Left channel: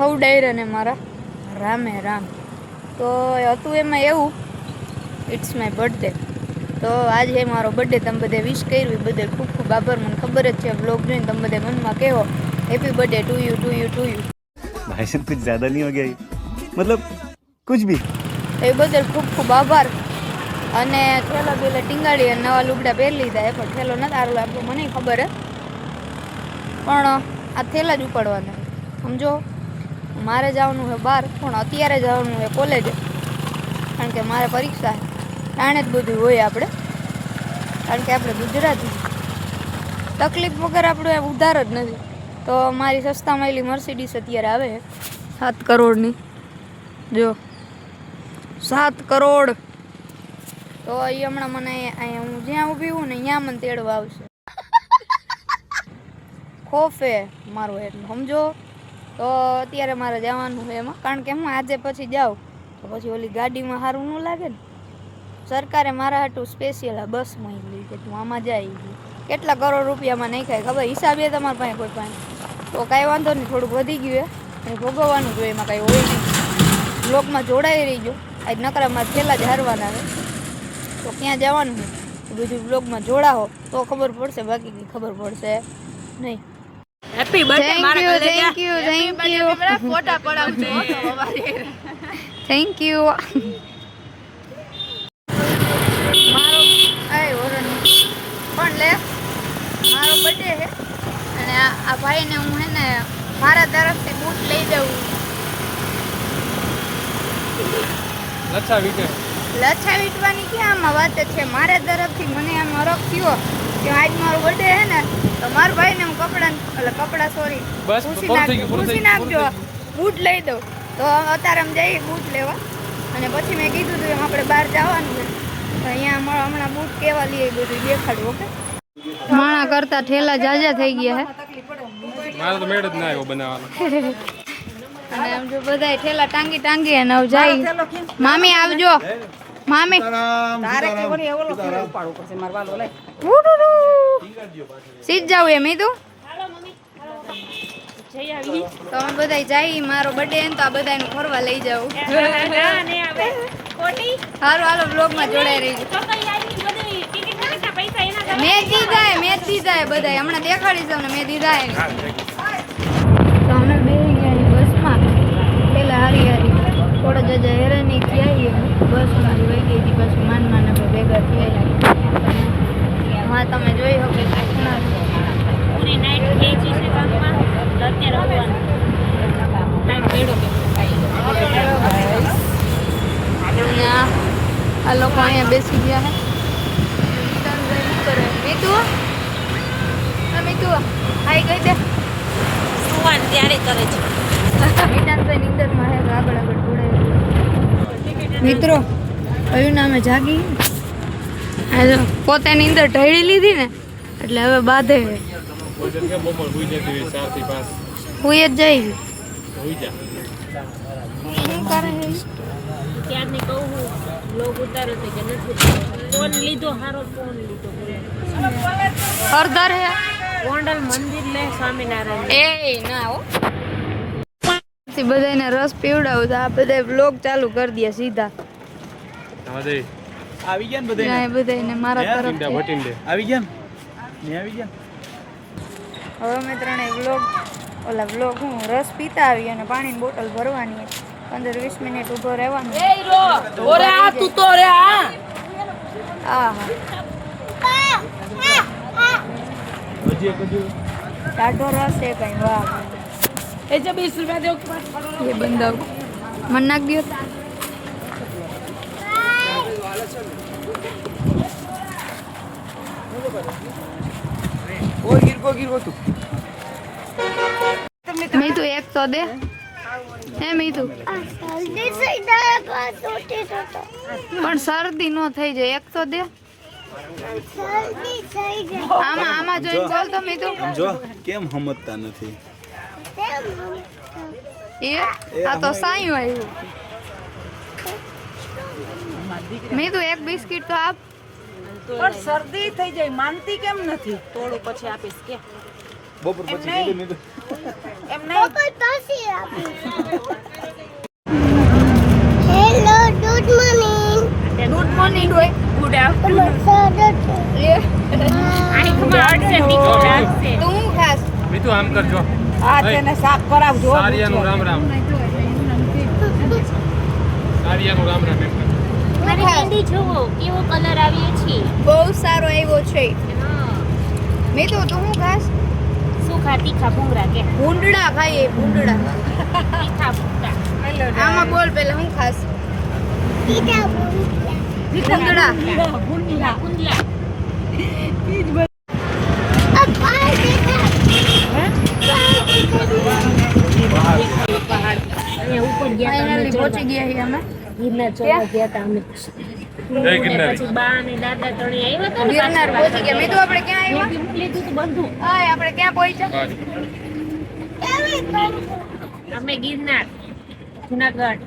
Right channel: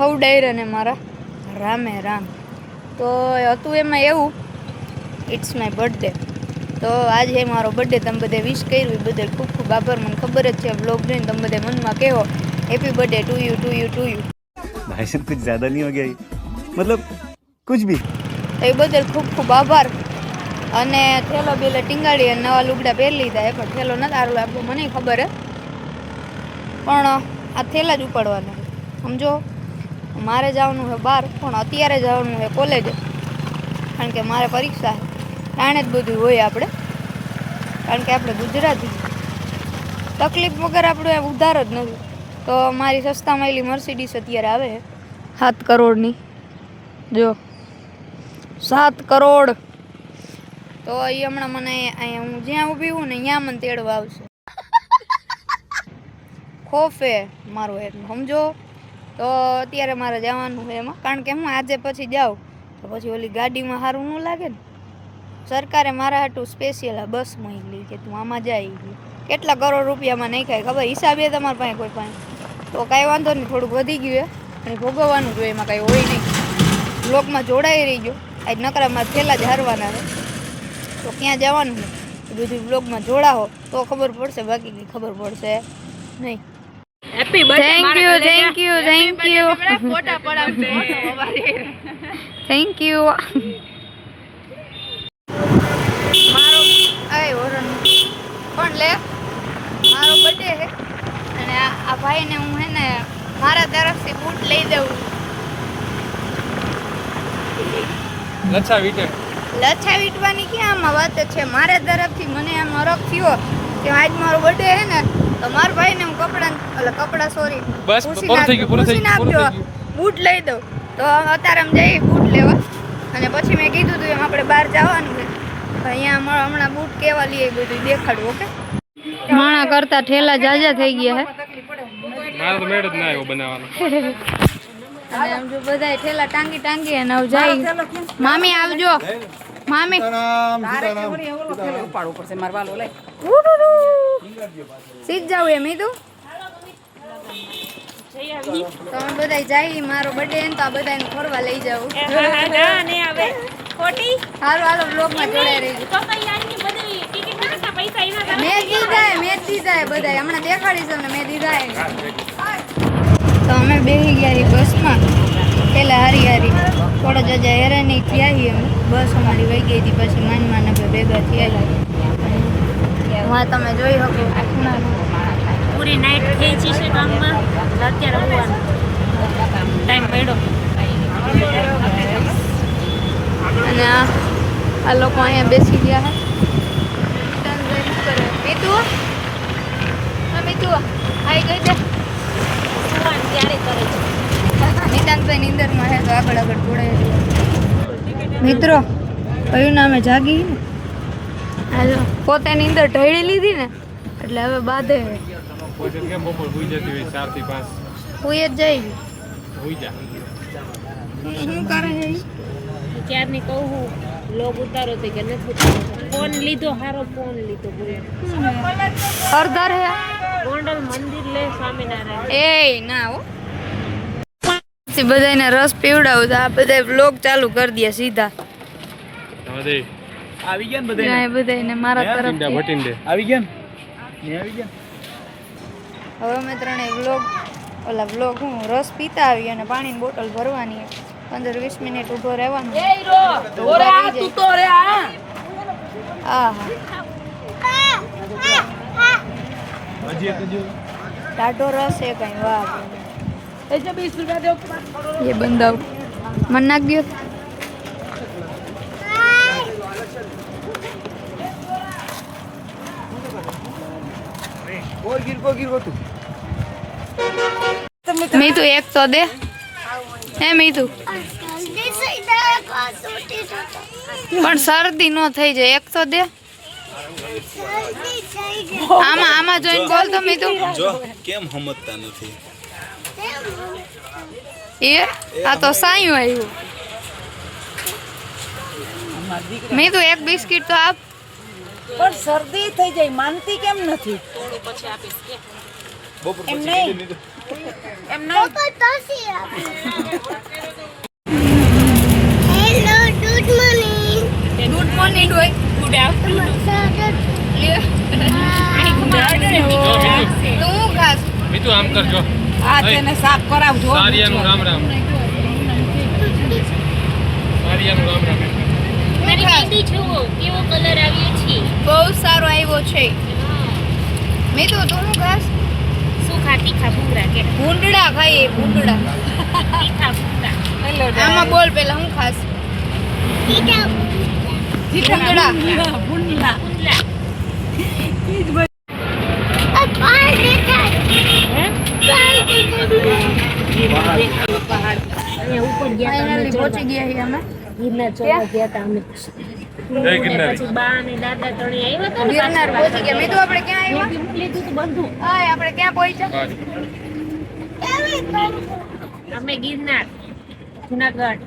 હવ ડાયરને મારા. રામે રામ. તો હતું એમાં એવું ઇટ્સ માય બર્થડે તો આજે મારો બર્થડે તમે બધે વિશ કર્યું એ બધે ખૂબ ખૂબ આભાર. મને ખબર જ છે બ્લોગ જોઈને તમે બધે મનમાં કહેવો happy birthday to you to you to you ભાઈ સાહેબ કુછ જ્યાદા નહીં હો ગયા મતલબ કુછ ભી? એ બદલ ખૂબ ખૂબ આભાર. અને થેલો બેલો ટીંગાડી અને નવા લુગડા પહેરી લીધા એ પણ થેલો નથી આરો લાગવો મને ખબર હે પણ આ થેલા જ ઉપાડવાના સમજો? મારે જવાનું છે બહાર પણ અત્યારે જવાનું છે કોલેજ કારણ કે મારે પરીક્ષા છે. તાણે જ બધું હોય આપણે. કારણ કે આપણે ગુજરાતી તકલીફ વગર આપણું એમ ઉધાર જ નથી. તો મારી સસ્તા મળેલી મર્સિડીસ અત્યારે આવે છે. સાત કરોડની. જો. સાત કરોડ. તો એ હમણાં મને અહીંયા હું જ્યાં ઊભી હું ને ત્યાં મને તેડવા આવશે. ખોફે મારો એટલે સમજો? તો અત્યારે મારે જવાનું છે એમાં. કારણ કે હું આજે પછી જાઉં. તો પછી ઓલી ગાડીમાં સારું ન લાગે ને. સરકારે મારા હાટું સ્પેશિયલ આ બસ મોકલી કે તું આમાં જાય કેટલા કરોડ રૂપિયામાં નહીં ખાય ખબર? હિસાબે તમારા પાસે કોઈ પાસે તો કાંઈ વાંધો નહીં, થોડુંક વધી ગયું અને ભોગવવાનું જોઈએ એમાં કાંઈ હોય નહીં. બ્લોકમાં જોડાઈ રહી ગયો આજ નકરામાં થેલા જ હારવાના છે. તો ક્યાં જવાનું છે? બધું બ્લોગમાં જોડાવો તો ખબર પડશે, બાકી કંઈ ખબર પડશે નહીં. Happy thank you thank you thank you thank you મારો આય ઓરન પણ લે? મારો બર્થડે છે. અને આ આ ભાઈને હું હે ને મારા તરફથી બૂટ લઈ દઉં. લચ્છા વીટે. લચ્છા વીટવાની ક્યાં આમાં વાત છે? મારા તરફથી મને આમ હરખ થયો. કે આજ મારો બર્થડે છે ને તો મારા ભાઈને હું કપડાં એટલે કપડાં સોરી બસ, પૂછી નાખજો પૂછી નાખજો બૂટ લઈ દઉં. તો અત્યારે અમે જઈએ બૂટ લેવા. અને પછી મેં કીધું હતું એમ આપણે બહાર જવાનું છે. અહીંયા અમારા હમણાં બૂટ કેવા લઈએ બધું દેખાડું ઓકે? માણા કરતા ઠેલા જાજા થઈ ગયા મારે તો મેળ જ ના આવ્યો બનાવવાનો. હે અને આમ જો બધા ઠેલા ટાંગી ટાંગી અને જાય. મામી આવજો. મામી. ઉપાડવું પડશે મારે વાલો લે. સીધ જાવ એમ તું તમે બધા જાય મારો બર્થડે ને તો આ બધાને ફરવા લઈ જાવ હાલો હાલો બ્લોગમાં જોડાઈ રહી મેં દીધા મેં દીધા બધા હમણાં દેખાડીશ તમને મેં દીધા એ તો અમે બેસી ગયા બસમાં. પેલા હારી હારી થોડા જજા હેરાની થયા છીએ બસ અમારી વહી ગઈ હતી પછી માન માને ભેગા થયા છીએ હા તમે જોઈ શકો પૂરી નાઇટ નાઈટ ખેંચી છે કામમાં. અત્યારે આવવાનું ટાઈમ પડ્યો આ લોકો અહીંયા બેસી ગયા કરે? મીતુ? હા મીતુ હાઈ ગઈ દે. સુવાની ત્યારે કરે છે. મિતાનભાઈ નીંદરમાં હે તો આગળ આગળ જોડાય મિત્રો કયું નામે જાગી? હાલો. પોતે નીંદર ઢળી લીધી ને એટલે હવે બાંધે. હે કોઈ જગ્યાએ કેમ બપોર હુઈ જતી હોય ચારથી પાંચ. હુઈ જ જઈ હુઈ જા. શું કરે હે ઈ? ક્યારની કહું હું લોગ ઉતારો તે કે નથી ઉતારો ફોન લીધો હારો ફોન લીધો બોલો હરદર હે ગોંડલ મંદિર લે સ્વામિનારાયણ. એ ના હો. પછી બધાને રસ પીવડાવું તો આ બધા વ્લોગ ચાલુ કરી દે સીધા. આવી ગયા ને બધાને મારા ઈંડા તરફથી. ભટીને દે આવી ગયા ને? આવી ગયા? હવે અમે ત્રણેય વ્લોગ ઓલા વ્લોગ હું રસ પીતા આવી અને પાણીની બોટલ ભરવાની. પંદર વીસ મિનિટ ઊભો રહેવાનું. હા? હા રસ છે કઈ વાહ એ જો બીસ રૂપિયા દો એ બંધાવ મન નાખ દો. મીતુ એક તો દે. હે મીતુ પણ શરદી નો થઈ જાય. એક તો દે. આમાં આમાં જોઈને બોલ તો મીતુ જો કેમ સમજતા નથી? એ આ તો સાયું આવ્યું મીતુ એક બિસ્કિટ તો આપ પણ શરદી થઈ જાય માનતી કેમ નથી બપોર એમ પછી નહીં એમ નહીં hello good morning good morning હોય ગુડ આફ્ટરનૂન આની ગુડ આફ્ટરનૂન નીકળી લાગશે તું હું ખાસ મીતુ આમ કરજો આ તેને સાફ કરાવજો સારિયાનું રામ રામ. સારિયાનું રામ રામ. મારી મહેંદી જુઓ કેવો કલર આવ્યો છે બહુ સારો આવ્યો છે. મીતુ તું હું ખાસ સુખા તીખા ભૂંગરા કે? ભૂંડડા ખાઈએ ભૂંડડા તીખા ભૂંગરા આમાં બોલ પેલા હું ખાસ? ટીટા ભૂંડડા ભૂંગલા આ પાણી દેખા પાણી દેખા પહાડ અહીંયા ઉપર ગયા તા અમે ફાઇનલી પહોંચી ગયા અમે. ગિરનાર ચડવા ગયા તા અમે. પછી બા અને દાદા ત્રણે આવ્યા હતા ગિરનાર પહોંચી ગયા. મીતુ આપણે ક્યાં આવ્યા? લીધું તું બધું. હા આપણે ક્યાં પહોંચ્યા? અમે ગિરનાર જુનાગઢ.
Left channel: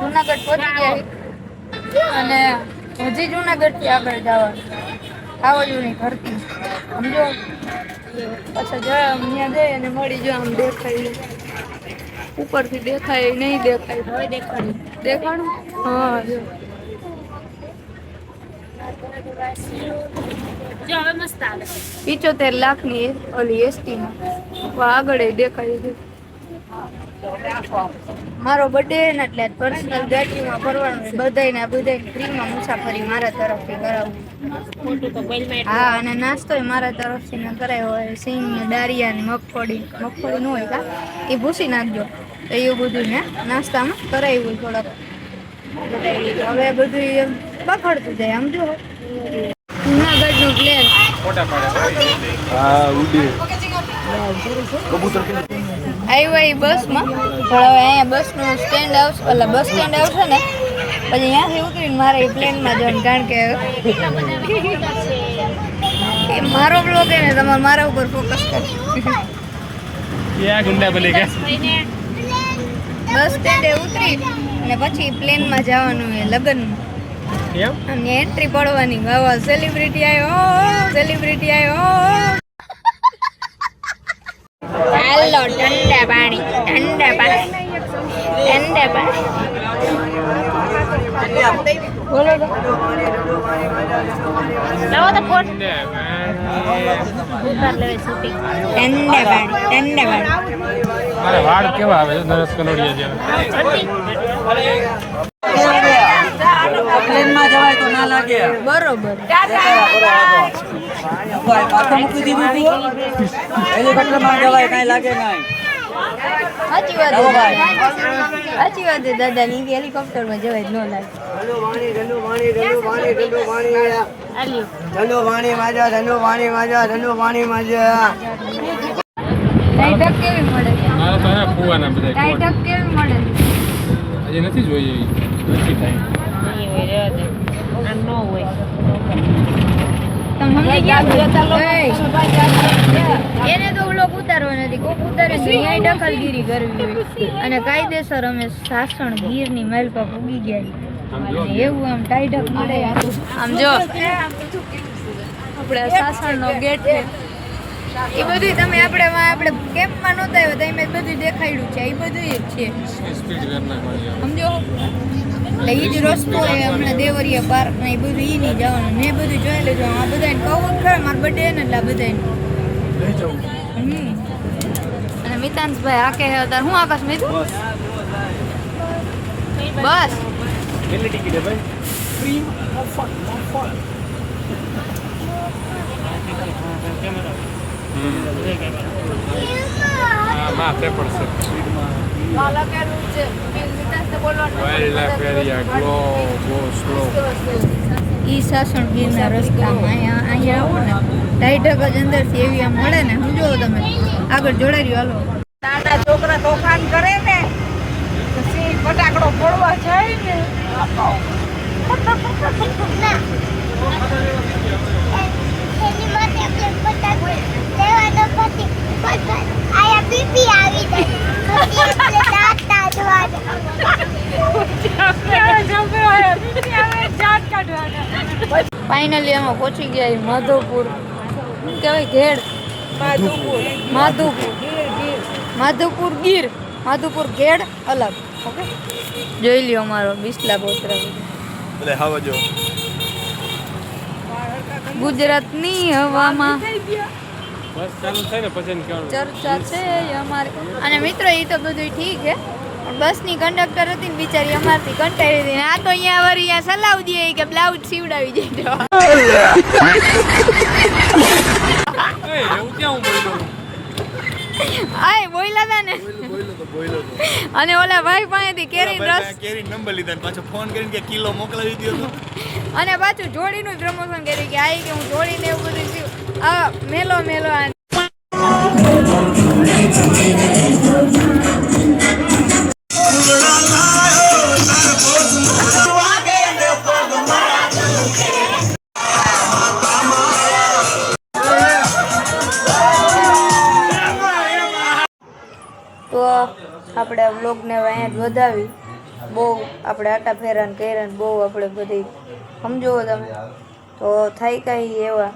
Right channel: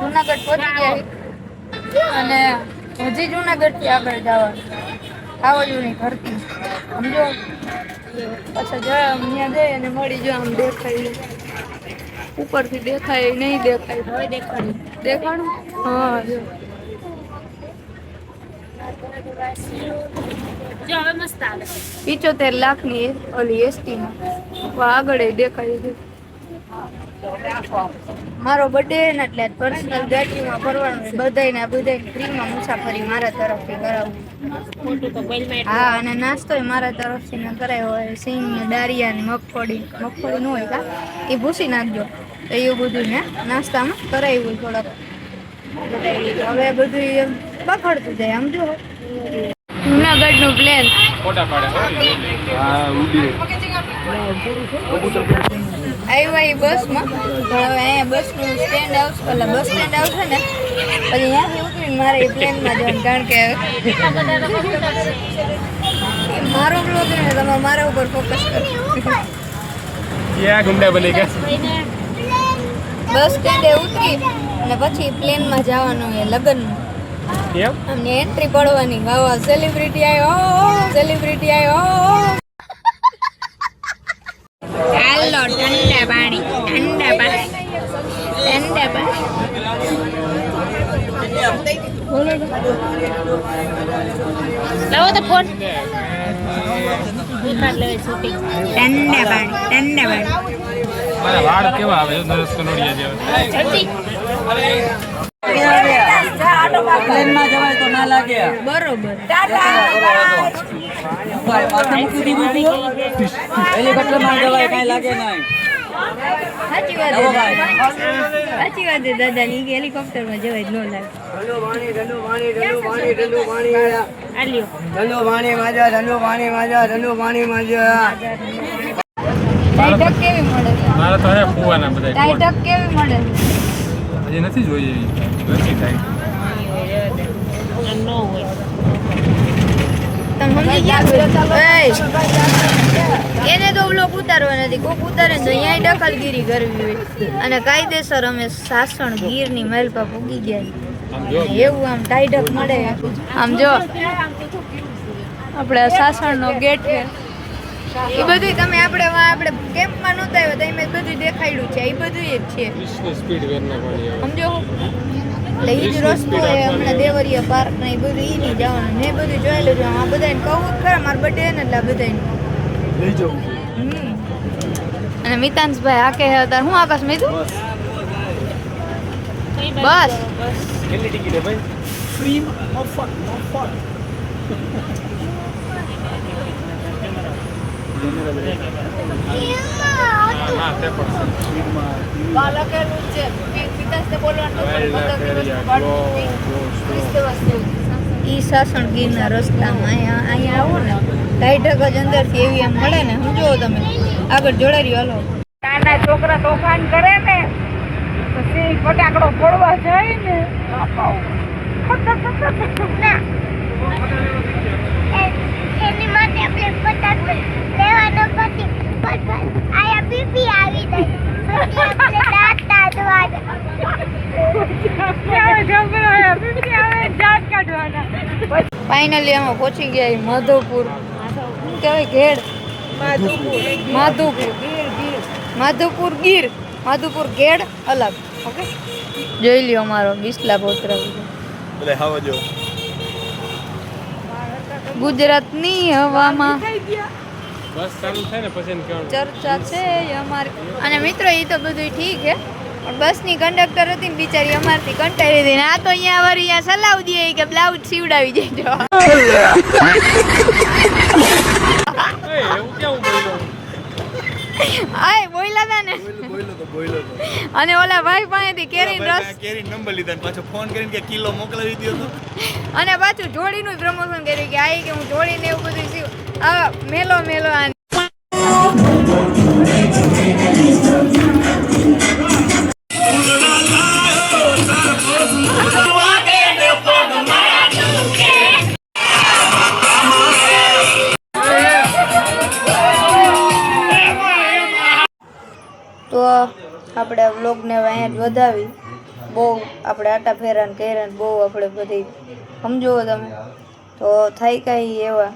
જુનાગઢ પહોંચી ગયા અને હજી જુનાગઢથી આગળ જવાનું ખાવજુની ભરતી સમજો? પાછા જાય ત્યાં જઈ અને મળી જો આમ દેખાય. ઉપરથી દેખાય નહીં દેખાય. હવે દેખાડું. હા જો. જો હવે મસ્ત આવે. પિચોતેર લાખની ઓલી એસટીમાં. આગળ દેખાય છે. મારો બર્થડે ને એટલે પર્સનલ ગાડીમાં ફરવાનું છે. બધાયને બધાય ફ્રીમાં મુસાફરી મારા તરફથી કરાવું. હા અને નાસ્તો મારા તરફથી ને કરાયો હોય. સિંગ ને દાળિયા ને મગફળી. મગફળી ન હોય કા? એ ભૂસી નાખજો. તો એવું બધું ને? નાસ્તામાં કરાવ્યું થોડોક. હવે બધું એમ બખડતું જાય આમ જો. જુનાગઢનું પ્લેન આવ્યા એ બસમાં. પણ હવે અહીંયા બસનું સ્ટેન્ડ આવશે એટલે બસ સ્ટેન્ડ આવશે ને પછી અહીંયાથી ઉતરીને મારે એ પ્લેનમાં જવાનું કારણ કે મારો બ્લોગ એને તમારે મારા ઉપર ફોકસ કરો ક્યાં ગુંડા બની ગયા? બસ સ્ટેન્ડે ઉતરી અને પછી પ્લેનમાં જવાનું એ લગ્ન. કેમ? આમની એન્ટ્રી પડવાની. વાવા સેલિબ્રિટી આવ્યો. સેલિબ્રિટી આવ્યો. ચાલો ઠંડા પાણી ઠંડા પાણી. ઠંડા પાણી. બોલો. લાવો તો ફોન. ઉતાર લેવે શૂટિંગ ઠંડા પાણી ઠંડા પાણી. વાળ કેવા આવે? નરેશ કનોડિયા જેવા પ્લેનમાં જવાય તો લાગે. બરોબર. માથું મૂકી દીધું તું હેલિકોપ્ટરમાં જવાય કાંઈ લાગે નહીં. સાચી વાત ભાઈ. સાચી વાત છે દાદા ની જવાય ન લાગે. ધનુ વાણી માજા ધનુ વાણી માજા ધનુ વાણી માજા ટાઈટક કેવી મળે? મારા તો હે ફુવાના બધા ટાઈટક કેવી મળે? હજી નથી જોઈ એવી. નથી થાય. નહીં હોય રહેવા દે આ ન હોય તમે સમજી ગયા એને તો ઓલો ઉતારવા નથી. કોક ઉતારે તો અહીંયા દખલગીરી કરવી હોય. અને કાયદેસર અમે સાસણ ગીરની મહેલ પર ભૂગી ગયા એવું આમ ટાઈટક મળે. આમ જો. આપણે સાસણનો ગેટ છે. એ બધું તમે આપણે આપણે કેમ્પમાં નહોતા આવ્યા તમે બધું દેખાડ્યું છે એ બધું જ છે. સમજો? એટલે એ જ રસ્તો એ હમણાં દેવરિયા પાર્ક ને એ બધું એ નહીં જવાનું. મેં બધું જોઈ લેજો આ બધાને કહું જ ખરા મારા બર્થડે ને એટલે આ બધાને અને મિતાંશભાઈ આ કહે હતા હું આકાશ મીધું? બસ. કેટલી ટિકિટ હે ભાઈ? હા હા તે પણ છે ઈ સાસણ ગીરના રસ્તામાં અહીંયા અહીંયા આવો ને. ઢાઈઢક જ અંદરથી એવી આમ મળે ને. હું જોવો તમે. આગળ જોડાઈ રહ્યો હાલો. નાના છોકરા તોફાન કરે ને પછી ફટાકડો ફોડવા જાય ને. ફાઇનલી અમે પહોંચી ગયા માધવપુર. શું કહેવાય ઘેડ માધુપુર માધુપુર ગીર. માધુપુર ઘેડ અલગ. ઓકે? જોઈ લ્યો અમારો બિસ્લા જો. ગુજરાતની હવામાં. ચર્ચા છે અમારી. અને મિત્રો એ તો બધું ઠીક છે પણ બસની કંડક્ટર હતી ને બિચારી અમારથી કંટાળી હતી આ તો અહીંયા વારી અહીંયા સલાવ દે કે બ્લાઉઝ સીવડાવી કેવું બોલ્યો? આય બોયલા હતા ને. અને ઓલા ભાઈ પાસેથી કેરીનો રસ કેરી નંબર લીધા ને પાછો ફોન કરીને કે કિલો મોકલાવી દીધો તો. અને પાછું જોડીનું પ્રમોશન કર્યું કે આઈ કે હું જોડીને એવું બધું સીવ આ મેલો મેલો તો આપણે વ્લોગને અહીંયા જ વધાવી. બહુ આપણે આટા ફેરાન કર્યા બહુ આપણે બધી સમજો તમે. તો થાય કાંઈ એવા.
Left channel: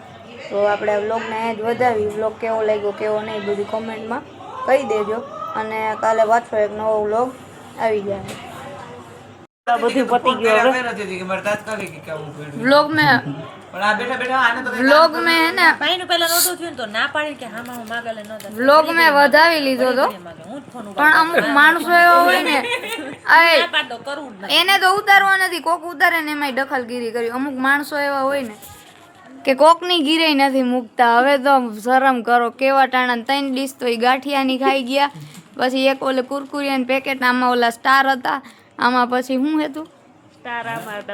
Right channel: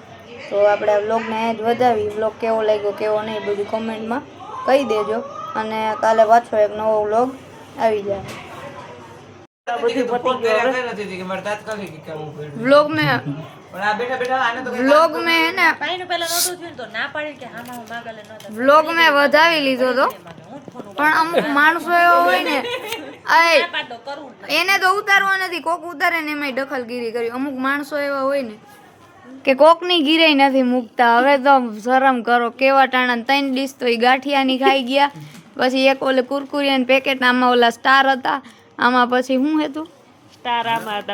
તો આપણે આ વ્લોગને અહીંયા જ વધાવી. વ્લોગ કેવો લાગ્યો કેવો નહીં બધું કોમેન્ટમાં કહી દેજો. અને કાલે પાછો એક નવો વ્લોગ આવી જાય. બધું પતી ગયો વ્લોગ મેં પણ આ બેઠા બેઠા આને તો કઈ વ્લોગ મેં હે ને ભાઈનું પહેલા નહોતું થયું ને તો ના પાડી કે હામાં હું માગલે નહોતા વ્લોગ મેં વધાવી લીધો તો. પણ અમુક માણસો એવા હોય ને એને તો ઉતારવા નથી કોક ઉતારે ને એમાંય દખલગીરી કરી. અમુક માણસો એવા હોય ને કે કોકની ગીરે નથી મૂકતા. હવે તો શરમ કરો કેવા ટાણા ત્રણ ડીશ તો એ ગાંઠિયાની ખાઈ ગયા. પછી એક ઓલે કુરકુરિયાની પેકેટ આમાં ઓલા સ્ટાર હતા. આમાં પછી શું હતું? સ્ટાર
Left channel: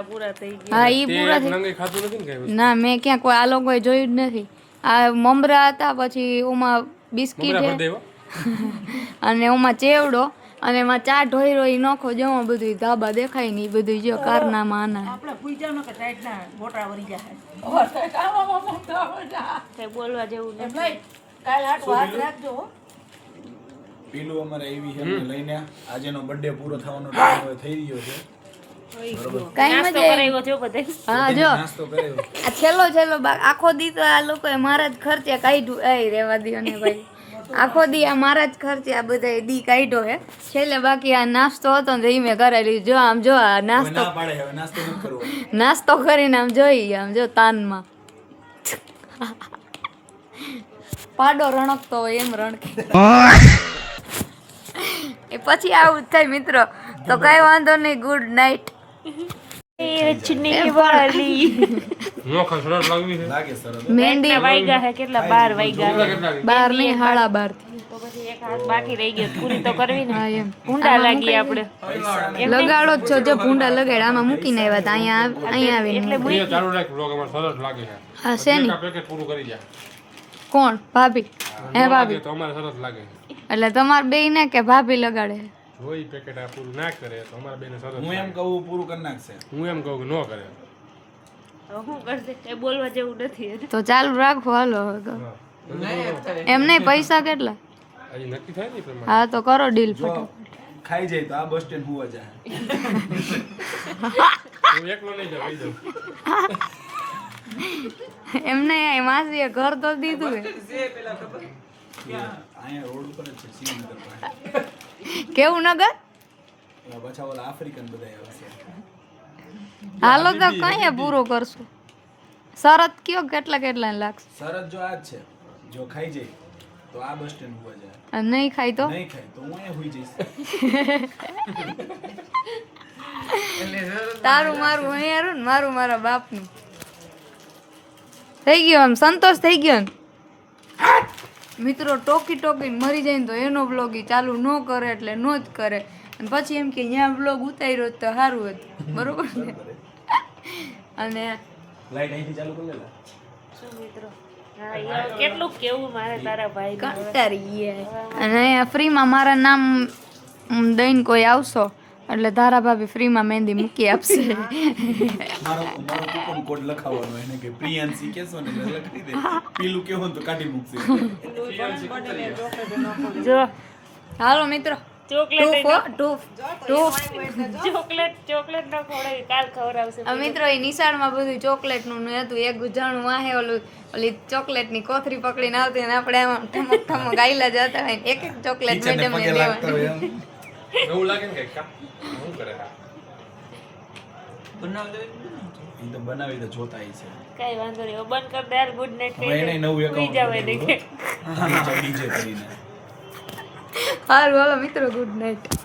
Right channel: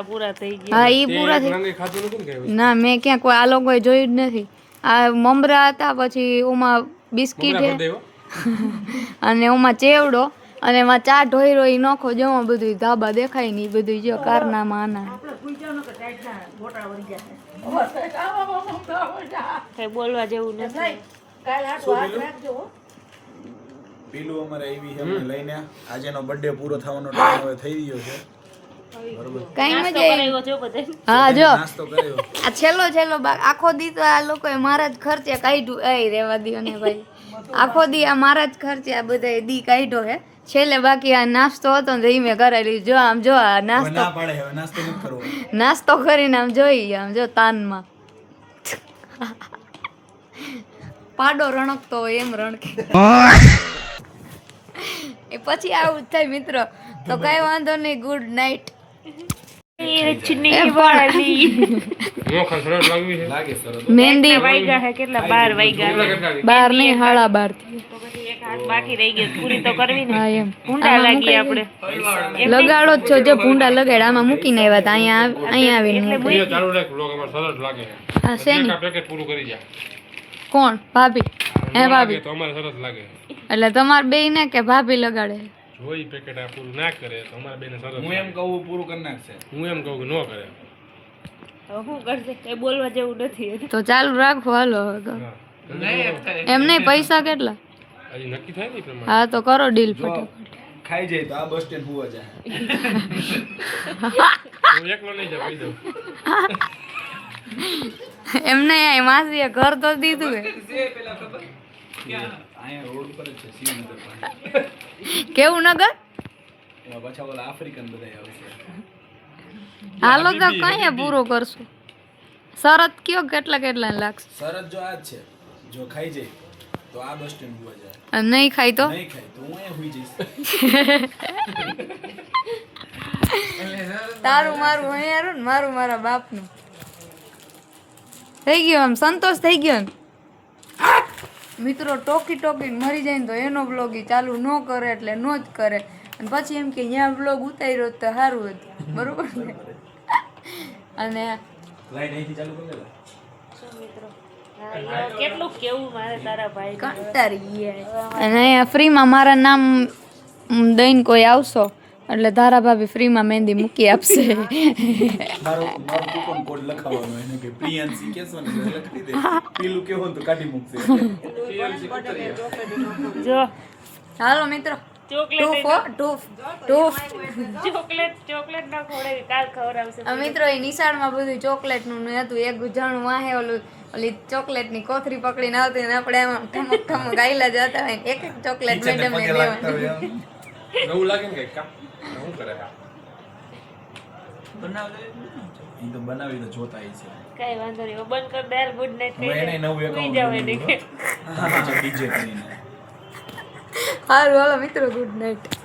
પૂરા થઈ હા એ પૂરા થઈ ને મેં ક્યાં કોઈ આ લોકોએ જોયું જ નથી. આ મમરા હતા પછી ઓમાં બિસ્કીટ અને એમાં ચેવડો અને એમાં ચા ઢોયરો ઈ નોખો જમો બધું ધાબા દેખાય નહીં બધું જો કારનામાં આના. કઈ બોલવા જેવું નથી. પેલું અમારે આવી છે અમને લઈને. આજેનો બર્થડે પૂરો થવાનો ટાઈમ હવે થઈ ગયો છે. કઈ મજા હા જો. આ છેલ્લો છેલ્લો આખો દી તો આ લોકોએ મારા જ ખર્ચે કાઢ્યું. એ રેવા દીઓ ને ભાઈ. આખો દી આ મારા જ ખર્ચે આ બધા દી કાઢ્યો હે. છેલ્લે બાકી આ નાસ્તો હતો ને મેં કરેલી. જો આમ જો આ નાસ્તો ના પાડે હવે નાસ્તો નથી કરવો. નાસ્તો કરીને આમ જોઈ આમ જો તાનમાં. પાડો રણકતો હોય એમ રણકે. એ પછી આવું જ થાય મિત્રો. તો કઈ વાંધો નહીં. ગુડ નાઇટ રજની મહેંદી વાગ્યા હે કેટલા બાર વાગ્યા બાર નહીં હાળા બાર તો પછી એક હાથ બાકી રહી ગયો પૂરી તો કરવી ને. એમ. ઊંડા લાગી આપણે. લગાડો જ છો જો ભૂંડા લગાડ આમાં મૂકીને આવ્યા હતા અહીંયા આવ- અહીંયા આવીને લાગે હા પેકેટ પૂરું કરી જાય કોણ? ભાભી. હે ભાભી. તો અમારે સરસ લાગે. એટલે તમારે બે ને કે ભાભી લગાડે? જો પેકેટ આ પૂરું ના કરે તો અમારા બેને સરસ હું એમ કહું પૂરું કરી નાખશે. હું એમ કહું કે ન કરે. શું કરશે? કઈ બોલવા જેવું નથી તો ચાલુ રાખો હાલો હવે એમ નહીં. પૈસા કેટલા? હજી નક્કી થાય ને ઈ પ્રમાણે? હા તો કરો ડીલ ફટાફટ. ખાઈ જાય તો આ બસ સ્ટેન્ડ હોવા જાય. હું એકલો નહીં જાઉં કહી દઉં એમ નહીં આ માસીએ ઘર તો દીધું કેવું નગર? પાછા ઓલા આફ્રિકન બધા આવશે. હાલો તો કઈ પૂરો કરશું? શરત કયો કેટલા કેટલા લાગશે? શરત જો આ છે. જો ખાઈ જાય તો આ બસ સ્ટેન્ડ હુવા જાય. નહીં ખાય તો? નહીં ખાઈ તો હું અહીંયા હોઈ જઈશ. તારું મારું અહીંયા ને મારું મારા બાપનું. થઈ ગયો આમ સંતોષ થઈ ગયો ને? મિત્રો ટોકી ટોકીને મરી જાય ને તો એનો બ્લોગી ચાલુ ન કરે એટલે નો જ કરે. અને પછી એમ કે ત્યાં બ્લોગ ઉતાર્યો તો સારું હતું. બરોબર ને? અને કેટલું કેવું મારે તારા ભાઈ કંટાળી ગયા અને અહીંયા ફ્રીમાં મારા નામ દઈને કોઈ આવશો એટલે ધારા ભાભી ફ્રીમાં મહેંદી મૂકી આપશે. મારો મારો કૂપન કોડ લખાવવાનો એને કે પ્રિયાંશી કેસો ને લખી દે. પીલું કેવું તો કાઢી મૂકશે. જો. હાલો મિત્રો. ચોકલેટની કોથરી પકડીને આવતી ને આપણે એમાં ઠમક ઠમક આયલા જતા હોય એક એક ચોકલેટ મેડમ ને દેવાની એવું લાગે ને કઈ શું કરે તો બનાવી તો જોતા છે. કઈ વાંધો નહીં બંધ કર દે ગુડ નાઈટ હવે એને નવું account જાવ એને કે બીજે કરીને. સારું હાલો મિત્રો ગુડ નાઇટ.